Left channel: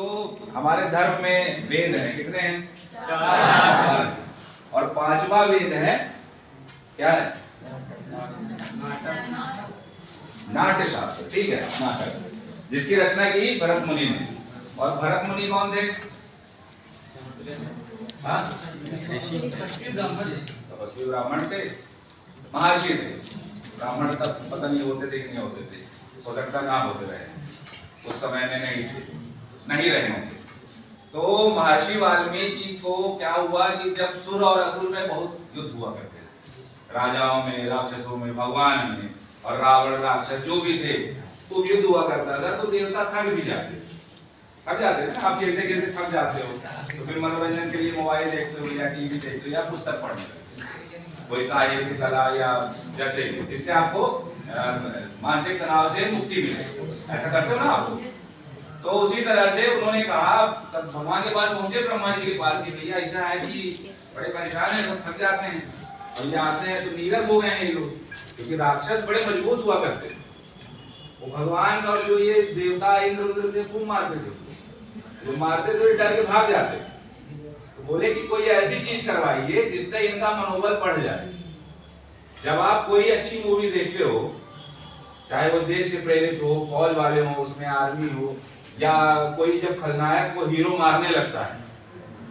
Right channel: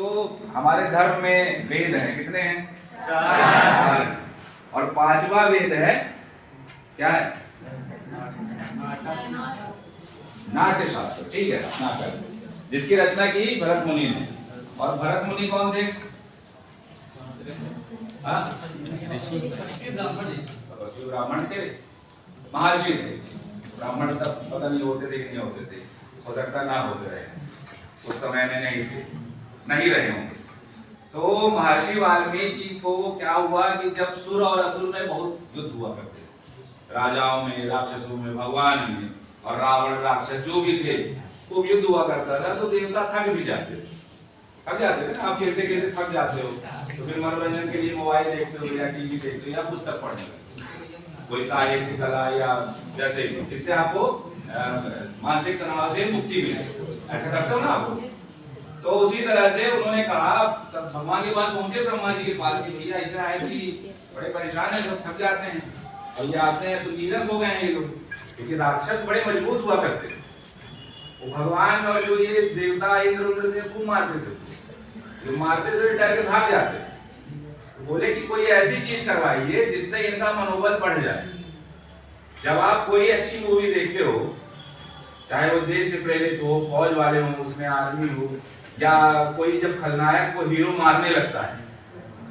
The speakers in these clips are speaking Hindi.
जो हमारे धर्म में वेद हैं कितने हैं? चार। और पांचवा वेद है क्या है? नाट्य शास्त्र। ठीक है, नाटक, जिसकी रचना की भरत मुनि ने। और भरत मुनि कौन थे? तपस्वी ब्राह्मण थे, महर्षि थे। ब्राह्मण तब पता नहीं होते थे कि नहीं होते थे, हो सकता ना होते रहे, उस समय में नहीं थे, नहीं रहे होंगे। तो महर्षि वाल्मीकि को क्या हुआ कि जब सुर और असुर में बहुत युद्ध हुआ करते थे, राजाओं में, राक्षसों में, भगवान में, और रावण राक्षस जो भी थे, तो युद्ध हुआ करता था। तो देवता थक भी जाते थे, थक जाते थे ना, आप खेलते खेलते थक जाते हो, तो फिर मनोरंजन के लिए मोबाइल देखते हो या टीवी देखते हो या पुस्तक पढ़ने लगते हो, कोई साहित्य कला या जैसे जिससे आपको मानसिक तनाव से मुक्ति मिले, ऐसा करते हो ना आप। तो उसी तरह से उन्होंने कहा, सब भगवान के पास पहुंचे, ब्रह्मा जी के पास, कि भैया ऐसा है कि बड़े परेशान है, सब थक जाते हैं, और ये आते हैं तो नीरस हो गए हैं ये लोग, क्योंकि राक्षस बड़े मजबूत हुआ करते थे। वो भगवान और जो ये देवता इंद्र थे खूब मारते थे, जो मारते थे डर के भाग जाते। तो बोले कि कोई ऐसी चीज करवाइए जिससे इनका मनोबल बढ़ जाए। जब आप कोई अच्छी मूवी देखते हो, चाहे वो देश से प्रेरित हो, फौज वाले हो, उसमें आर्मी हो, या कोई जब खलनायक को हीरो मारने लगता है,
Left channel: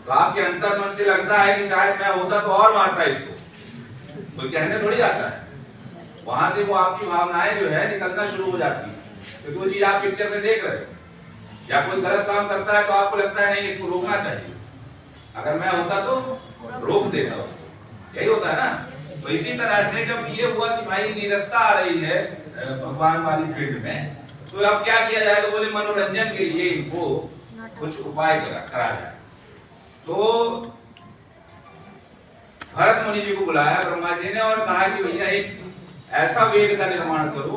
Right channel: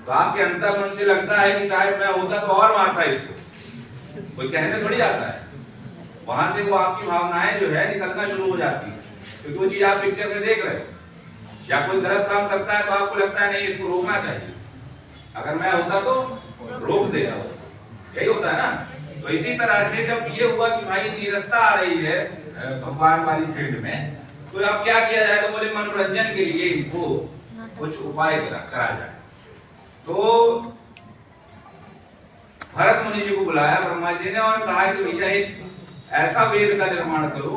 तो आपके अंतर मन से लगता है कि शायद मैं होता तो और मारता इसको, कोई कहने थोड़ी जाता है। वहां से वो आपकी भावनाएं जो है निकलना शुरू हो जाती है, क्योंकि वो चीज आप पिक्चर में देख रहे हो। या कोई गलत काम करता है तो आपको लगता है नहीं, इसको रोकना चाहिए, अगर मैं होता तो रोक देगा उसको, यही होता है ना। तो इसी तरह से जब ये हुआ कि भाई नीरसता आ रही है भगवान वाली फील्ड में, तो अब क्या किया जाए, तो बोले मनोरंजन के लिए इनको कुछ उपाय करा जाए। तो भरत मुनि जी को बुलाया ब्रह्मा जी ने और कहा कि भैया एक ऐसा वेद का निर्माण करो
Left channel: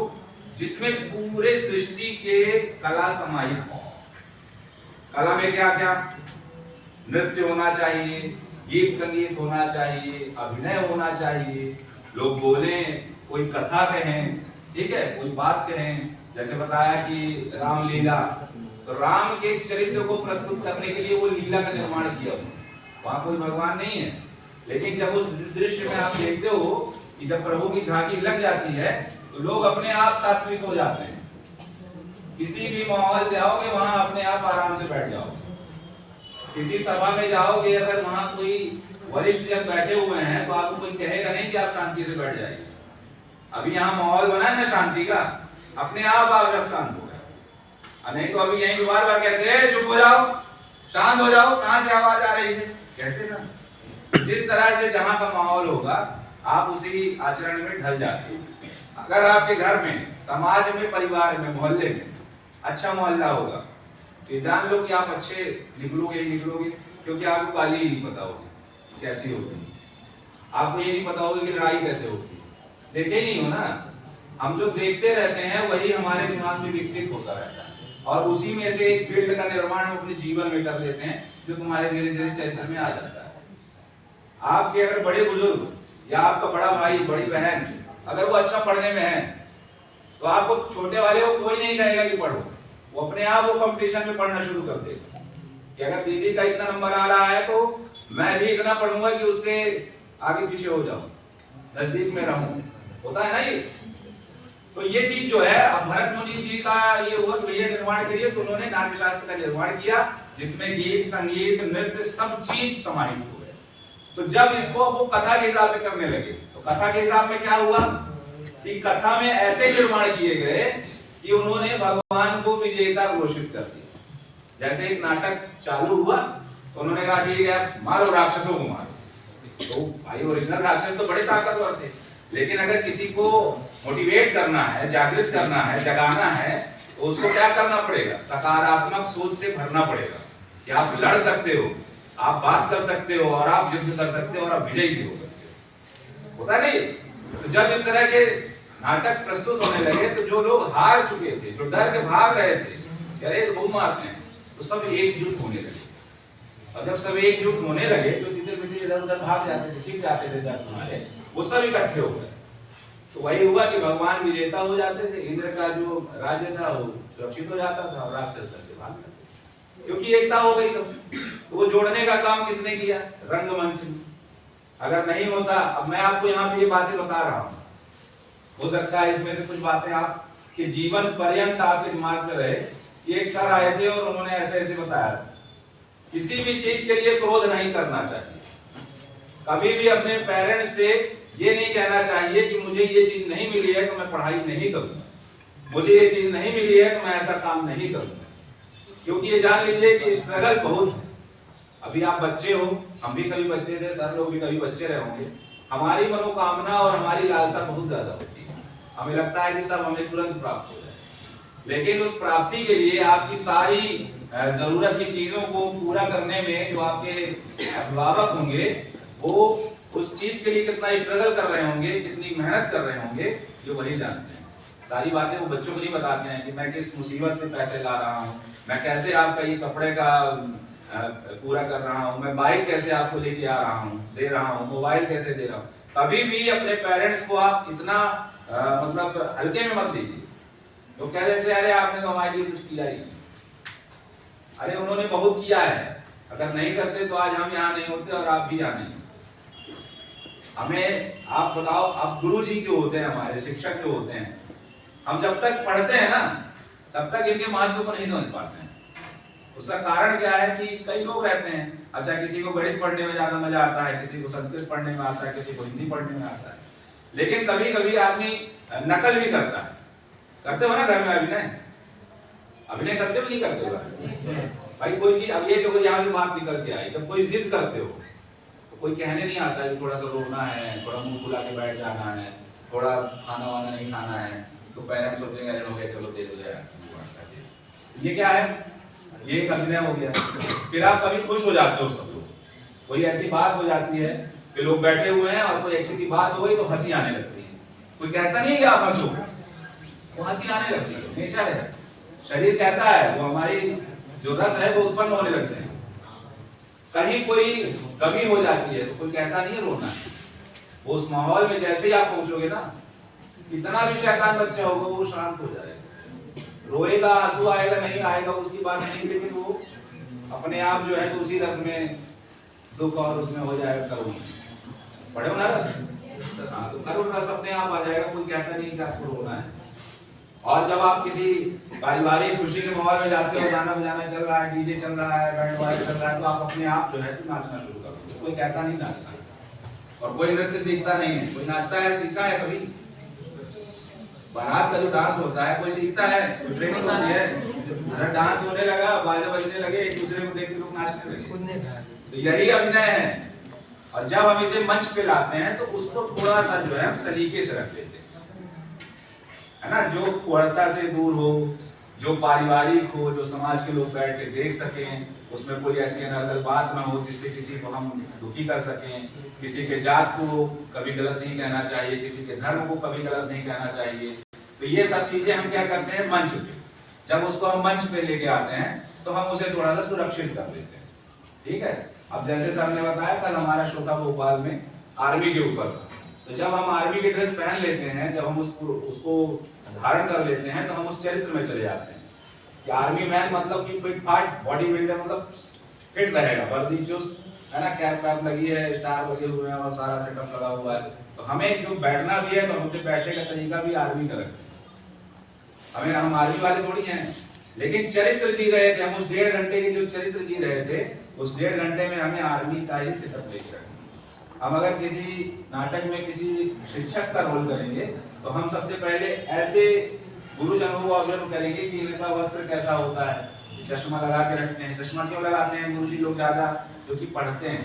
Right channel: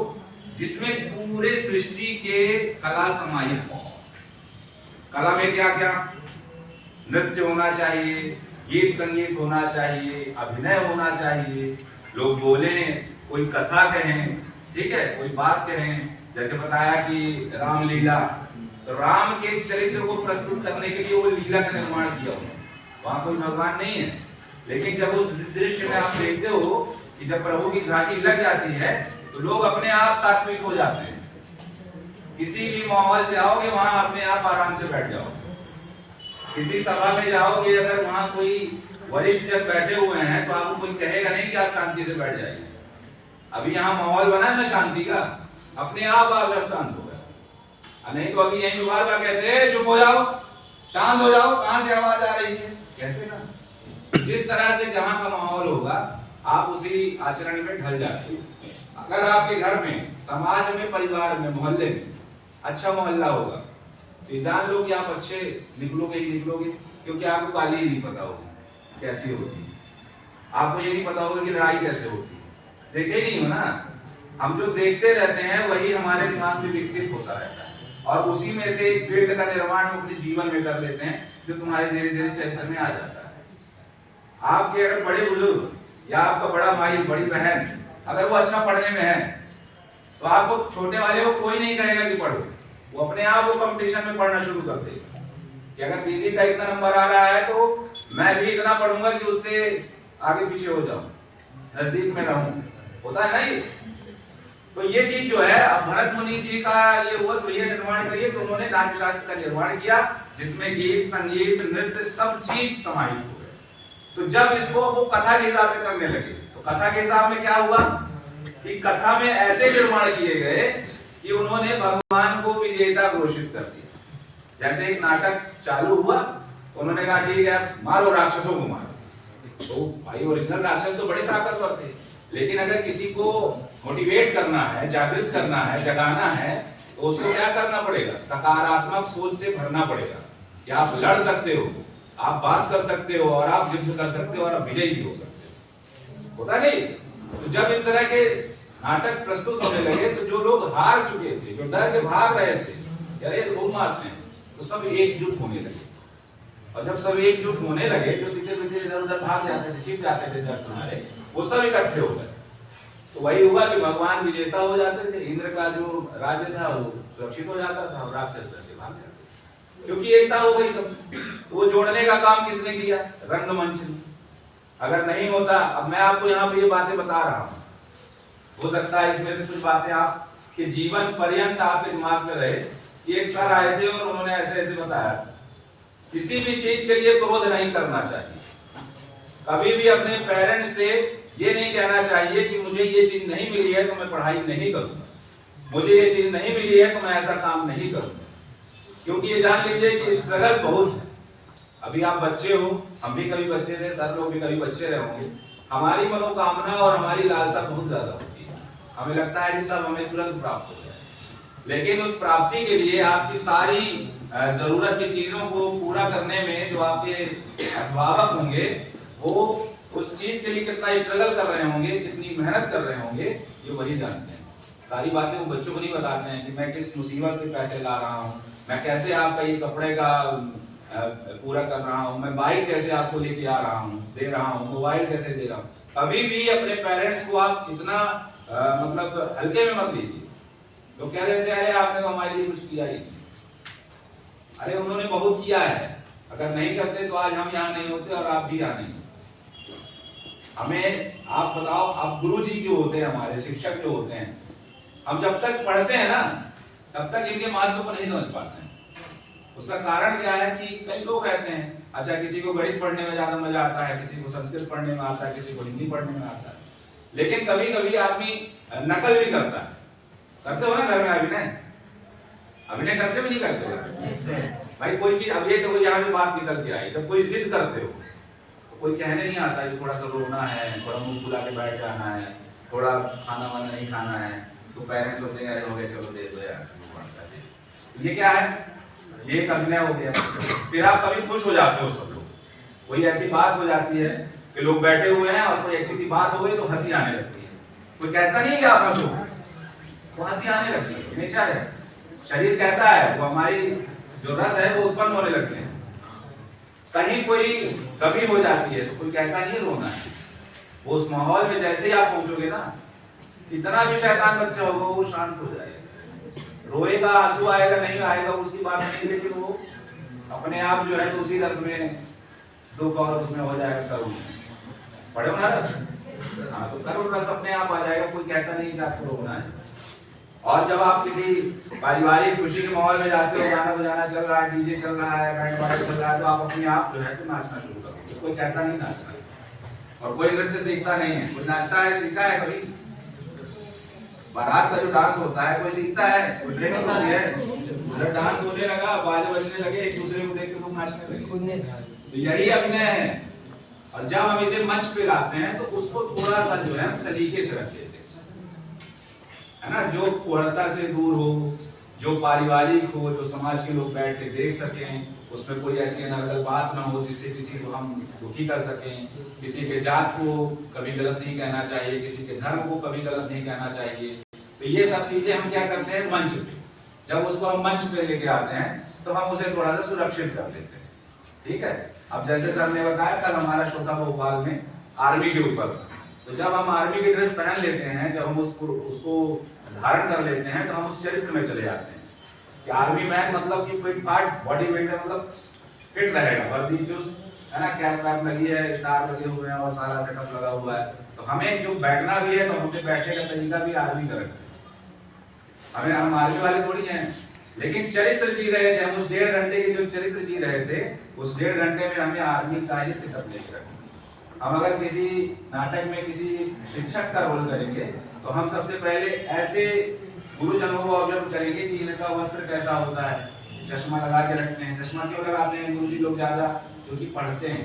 जिसमें पूरे सृष्टि के कला समाहित हो। कला में क्या क्या? नृत्य होना चाहिए, गीत संगीत होना चाहिए, अभिनय होना चाहिए, लोग बोले, कोई कथा कहें, ठीक है, कोई बात कहें। जैसे बताया कि रामलीला, तो राम के चरित्र को प्रस्तुत करने के लिए वो लीला का निर्माण किया उन्होंने। वहां कोई भगवान नहीं है, लेकिन जब उस दृश्य में आप देखते हो कि जब प्रभु की झांकी लग जाती है तो लोग अपने आप सात्विक हो जाते हैं। किसी भी माहौल से आओगे वहां अपने आप आराम से बैठ जाओगे। किसी सभा में जाओगे, अगर वहां कोई वरिष्ठ जन बैठे हुए हैं तो आपको कोई कहेगा नहीं कि आप शांति से बैठ जाइए। अभी यहाँ माहौल बना है ना शांति का, अपने आप शांत हो गए। नहीं तो अभी यही बार बार कहते हैं चुप हो जाओ, शांत हो जाओ, कहां से आवाज आ रही है, कहते ना। जिस तरह से जहां का माहौल होगा आप उसी आचरण में ढल जाते हो। अगर आपके घर में, समाज में, परिवार में, मोहल्ले में अच्छा मोहल्ला होगा तो जान लो कि आप अच्छे निकलोगे ही निकलोगे, क्योंकि आपको गाली ही नहीं पता होगी कैसी होती है, आपको ये नहीं पता होगा कि लड़ाई कैसे होती है, देखे ही नहीं हो ना। हम जो देखते रहते हैं वही हमारे दिमाग में विकसित होता रहता है, और उसी में से एक फील्ड का निर्माण हम अपने जीवन में कर लेते हैं, जो तुम्हारे धीरे धीरे चरित्र में आ जाता है। आपके अगर बड़े बुजुर्ग या आपका बड़ा भाई, बड़ी बहन, अगर वो अच्छा पढ़ने में है तो आपको छोटे वाले को कोई नहीं कहेगा कि पढ़ो, वो अपने आप वो कंपटीशन में पढ़ना शुरू कर देगा कि अगर दीदी का इतना नंबर आ रहा है तो मैं भी इतना पढ़ूंगा कि उससे आगे पीछे हो जाऊं, नजदीक में रहूं, होता है ना ये। तो ये चीज जो है, अब भरत मुनि जी का ये हुआ कि भैया निर्माण करिए, तो उन्होंने नाट्य शास्त्र का निर्माण किया जिसमें गीत संगीत नृत्य सब चीज समाहित हो गए। तो जब इसको वो कथा के हिसाब से करने लगे, तो कथा के हिसाब में क्या हुआ कि कथा में ऐसे निर्माण किए गए कि उन्होंने भगवान को विजेता घोषित कर दिया। जैसे एक नाटक चालू हुआ तो उन्होंने कहा ठीक है मारो राक्षसों को मारो, तो भाई ओरिजिनल राक्षस तो बड़े ताकतवर थे, लेकिन अगर किसी को मोटिवेट करना है, जागृत करना है, जगाना है, तो उसको क्या करना पड़ेगा? सकारात्मक सोच से भरना पड़ेगा कि आप लड़ सकते हो, आप बात कर सकते हो, और आप युद्ध कर सकते हो, और आप विजयी भी हो सकते हो, होता नहीं। तो जब इस तरह के नाटक प्रस्तुत होने लगे तो जो लोग हार चुके थे, जो डर के भाग रहे थे, अरे तो वो मारते हैं, तो सब एकजुट होने लगे। और जब सब एकजुट होने लगे तो सीधे पीछे इधर उधर भाग जाते थे, छिप जाते थे डर तुम्हारे, वो सब इकट्ठे हो गए। तो वही हुआ कि भगवान विजेता हो जाते थे, इंद्र का जो राज्य था वो सुरक्षित हो जाता था, और राक्षस डर से भाग जाते थे। क्योंकि एकता हो गई सब। तो वो जोड़ने का काम किसने किया? रंगमंच ने। अगर नहीं होता, अब मैं आपको यहाँ पे ये बातें बता रहा हूँ, हो सकता है इसमें से कुछ बातें आपके जीवन पर्यंत आपके दिमाग में रहे। एक सर आए थे और उन्होंने ऐसे ऐसे बताया, किसी भी चीज के लिए क्रोध नहीं करना चाहिए। कभी भी अपने पेरेंट्स से ये नहीं कहना चाहिए कि मुझे ये चीज नहीं मिली है तो मैं पढ़ाई नहीं करूंगा, मुझे ये चीज नहीं मिली है तो मैं ऐसा काम नहीं करूंगा। क्योंकि ये जान लीजिए कि स्ट्रगल बहुत है। अभी आप बच्चे हो, हम भी कभी बच्चे थे, सर लोग भी कभी बच्चे रहे होंगे। हमारी मनोकामना और हमारी लालसा बहुत ज्यादा होती है, हमें लगता है कि सब हमें तुरंत प्राप्त हो जाए। लेकिन उस प्राप्ति के लिए आपकी सारी जरूरत की चीजों को पूरा करने में जो आपके अभिभावक होंगे, वो उस चीज के लिए कितना स्ट्रगल कर रहे होंगे, कितनी मेहनत कर रहे होंगे, ये वही जानते हैं। सारी बातें वो बच्चों को नहीं बताते हैं कि मैं किस मुसीबत से पैसे ला रहा हूँ, मैं कैसे आपका ये कपड़े का पूरा कर रहा हूँ, मैं बाइक कैसे आपको लेके आ रहा हूँ, दे रहा हूँ, मोबाइल कैसे दे रहा हूँ। कभी भी अपने पेरेंट्स को आप इतना मतलब हल्के में मत लीजिए। तो कह देते हैं अरे आपने तो हमारे लिए कुछ किया ही, अरे उन्होंने बहुत किया है, अगर नहीं करते तो आज हम यहाँ नहीं होते और आप भी यहाँ नहीं। हमें आप बताओ, अब गुरु जी जो होते हैं, हमारे शिक्षक जो होते हैं, हम जब तक पढ़ते हैं ना तब तक इनके महत्व को नहीं समझ पाते हैं। उसका कारण क्या है कि कई लोग रहते हैं, अच्छा किसी को गणित पढ़ने में ज्यादा मजा आता है, किसी को संस्कृत पढ़ने में आता है, किसी को हिंदी पढ़ने में आता है, लेकिन कभी कभी आदमी नकल भी करता है। करते हो ना घर में अभिनय? अभिनय करते भी नहीं करते हो भाई? कोई चीज, अब ये तो यहाँ भी बात निकल के आई, जब कोई जिद करते हो तो कोई कहने नहीं आता कि थोड़ा सा रोना है, थोड़ा मुंह फुला के बैठ जाना है, थोड़ा खाना वाना नहीं खाना है, तो पेरेंट्स सोचेंगे अरे हो गया चलो दे दो यार। ये क्या है? ये एक अभिनय हो गया। फिर आप कभी खुश हो जाते हो, सब लोग, कोई ऐसी बात हो जाती है कि लोग बैठे हुए हैं और कोई अच्छी सी बात हो गई तो हंसी आने लगती है। कोई कहता नहीं कि आप हंसो, वो हंसी आने लगती है, नेचर है, शरीर कहता है, वो हमारी जो रस है वो उत्पन्न होने लगते हैं। कहीं कोई कमी हो जाती है तो कोई कहता नहीं है रोना है। वो उस माहौल में जैसे ही आप पहुंचोगे ना, कितना भी शैतान बच्चा होगा वो शांत हो जाएगा, रोएगा, आंसू आएगा नहीं आएगा उसकी बात नहीं, लेकिन वो अपने आप जो है तो उसी रस में दुख और उसमें हो जाएगा करुण। पढ़े हो ना रस? हाँ, तो करुण रस अपने आप आ जाएगा, कोई कहता नहीं कि आपको रोना है। और जब आप किसी पारिवारिक खुशी के माहौल में जाते हो, गाना बजाना चल रहा है, डीजे चल रहा है, बैंड वाइज चल रहा है, तो आप अपने आप जो है तो नाचना शुरू करोगे। कोई कहता नहीं नाचना, और कोई नृत्य सीखता नहीं है। कोई नाचता है, सीखता है कभी? बारात का जो डांस होता है कोई सीखता है? कोई ट्रेनिंग होती है? उधर डांस होने लगा, बाजे बजने लगे, एक दूसरे को देख के लोग नाचने लगे। तो यही अभिनय है। और जब हम इसे मंच पे लाते हैं तो उसको थोड़ा सा जो है हम सलीके से रख लेते हैं, है ना, जो कुहड़ता से दूर हो, जो पारिवारिक हो, जो समाज के लोग बैठ के देख सकें, उसमें कोई ऐसी अनर्गल बात ना हो जिससे किसी को हम दुखी कर सकें। किसी के जात को कभी गलत नहीं कहना चाहिए, किसी के धर्म को कभी गलत नहीं कहना चाहिए। तो ये सब चीजें हम क्या करते हैं मंच पे, जब उसको हम मंच पे लेके आते हैं तो हम उसे थोड़ा सा सुरक्षित कर लेते हैं। ठीक है? अब जैसे सर ने बताया, कल हमारा शो था भोपाल में आर्मी के ऊपर, तो जब हम आर्मी की ड्रेस पहन लेते हैं, जब हम उसको धारण कर लेते हैं, तो हम उस चरित्र में चले जाते हैं कि आर्मी मैन मतलब कि फिट फाट बॉडी बिल्डर, मतलब फिट रहेगा, वर्दी चुस्त है ना, कैप वैप लगी है, स्टार लगे हुए हैं और सारा सेटअप लगा हुआ है। तो हमें जो बैठना भी है तो हमें बैठने का तरीका भी आर्मी का रखते हैं। हम आर्मी वाले थोड़ी हैं, लेकिन चरित्र जी रहे थे हम। उस 1.5 घंटे के जो चरित्र जी रहे थे, उस 1.5 घंटे में हमें आर्मी का ही सेटअप लेके रखना। हम अगर किसी नाटक में किसी शिक्षक का रोल करेंगे तो हम सबसे पहले ऐसे गुरुजनों को ऑब्जर्व करेंगे कि इनका वस्त्र कैसा होता है, चश्मा लगा के रखते हैं। चश्मा क्यों लगाते हैं गुरुजी लोग ज्यादा? क्योंकि पढ़ते हैं,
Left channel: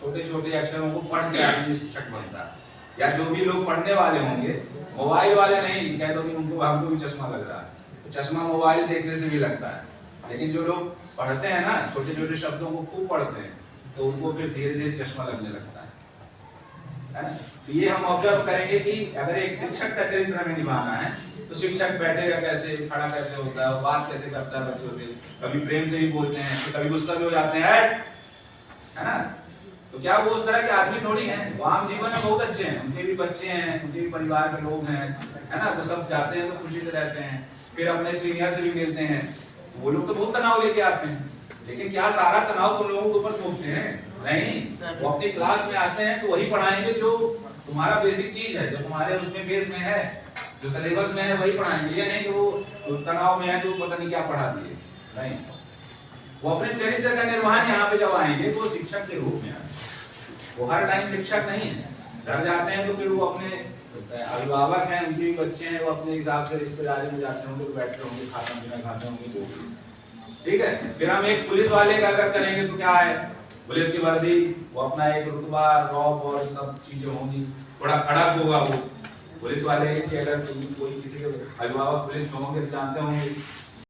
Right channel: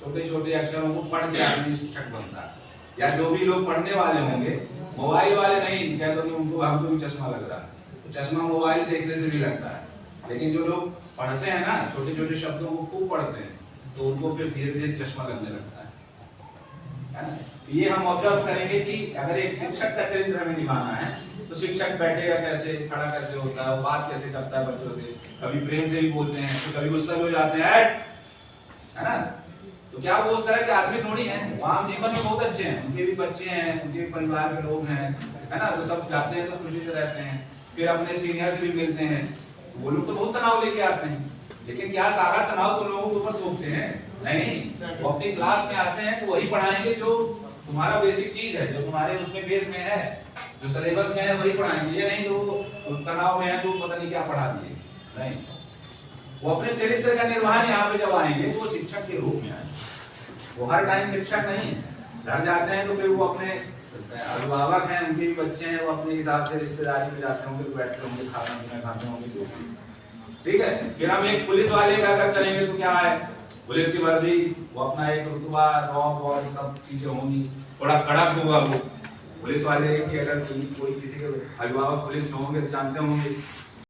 छोटे छोटे अक्षरों को पढ़ के आदमी शिक्षक बनता है। या जो भी लोग पढ़ने वाले होंगे, मोबाइल वाले नहीं, कह दो कि उनको हमको भी चश्मा लग रहा है, तो चश्मा मोबाइल देखने से भी लगता है। लेकिन जो लोग पढ़ते हैं ना, छोटे छोटे शब्दों को खूब पढ़ते हैं, तो उनको फिर धीरे धीरे चश्मा लगने लगता है। तो ये हम ऑब्जर्व करेंगे कि अगर एक शिक्षक का चरित्र हमें निभाना है तो शिक्षक बैठेगा कैसे, खड़ा कैसे होता है, बात कैसे करता है बच्चों से, कभी प्रेम से भी बोलते हैं, कभी गुस्सा भी हो जाते हैं, है ना। तो क्या वो उस तरह के आदमी थोड़ी हैं, वो आम जीवन में बहुत अच्छे हैं, उनके भी बच्चे हैं, उनके भी परिवार के लोग हैं, है ना। तो सब जाते हैं तो खुशी से रहते हैं, फिर अपने सीनियर से भी मिलते हैं, वो लोग तो बहुत तनाव लेके आते हैं, लेकिन क्या सारा तनाव तुम लोगों के ऊपर थोपते हैं? नहीं, वो अपनी क्लास में आते हैं तो वही पढ़ाएंगे जो तुम्हारा बेसिक चीज है, जो तुम्हारे उसमें बेस में है, जो सिलेबस में है वही पढ़ाएंगे। ये नहीं कि वो तनाव में है तो पता नहीं क्या पढ़ा दिए, नहीं। वो अपने चरित्र का निर्माण यहाँ पे जब आएंगे तो वो शिक्षक के रूप में आएंगे। वो हर टाइम शिक्षक नहीं है। घर जाते हैं तो फिर वो अपने अभिभावक हैं, उनके भी बच्चे हैं, वो अपने हिसाब से रिश्तेदारी में जाते होंगे, तो बैठते होंगे, खाना पीना खाते होंगे, जो भी। ठीक है। फिर हम एक पुलिस वाले का अगर करेंगे तो क्या है, पुलिस की वर्दी, वो अपना एक रुतबा, रॉब और सब चीजें होंगी, थोड़ा कड़क होगा वो। पुलिस वाले की अगर कोई किसी के अभिभावक पुलिस में होंगे तो जानते होंगे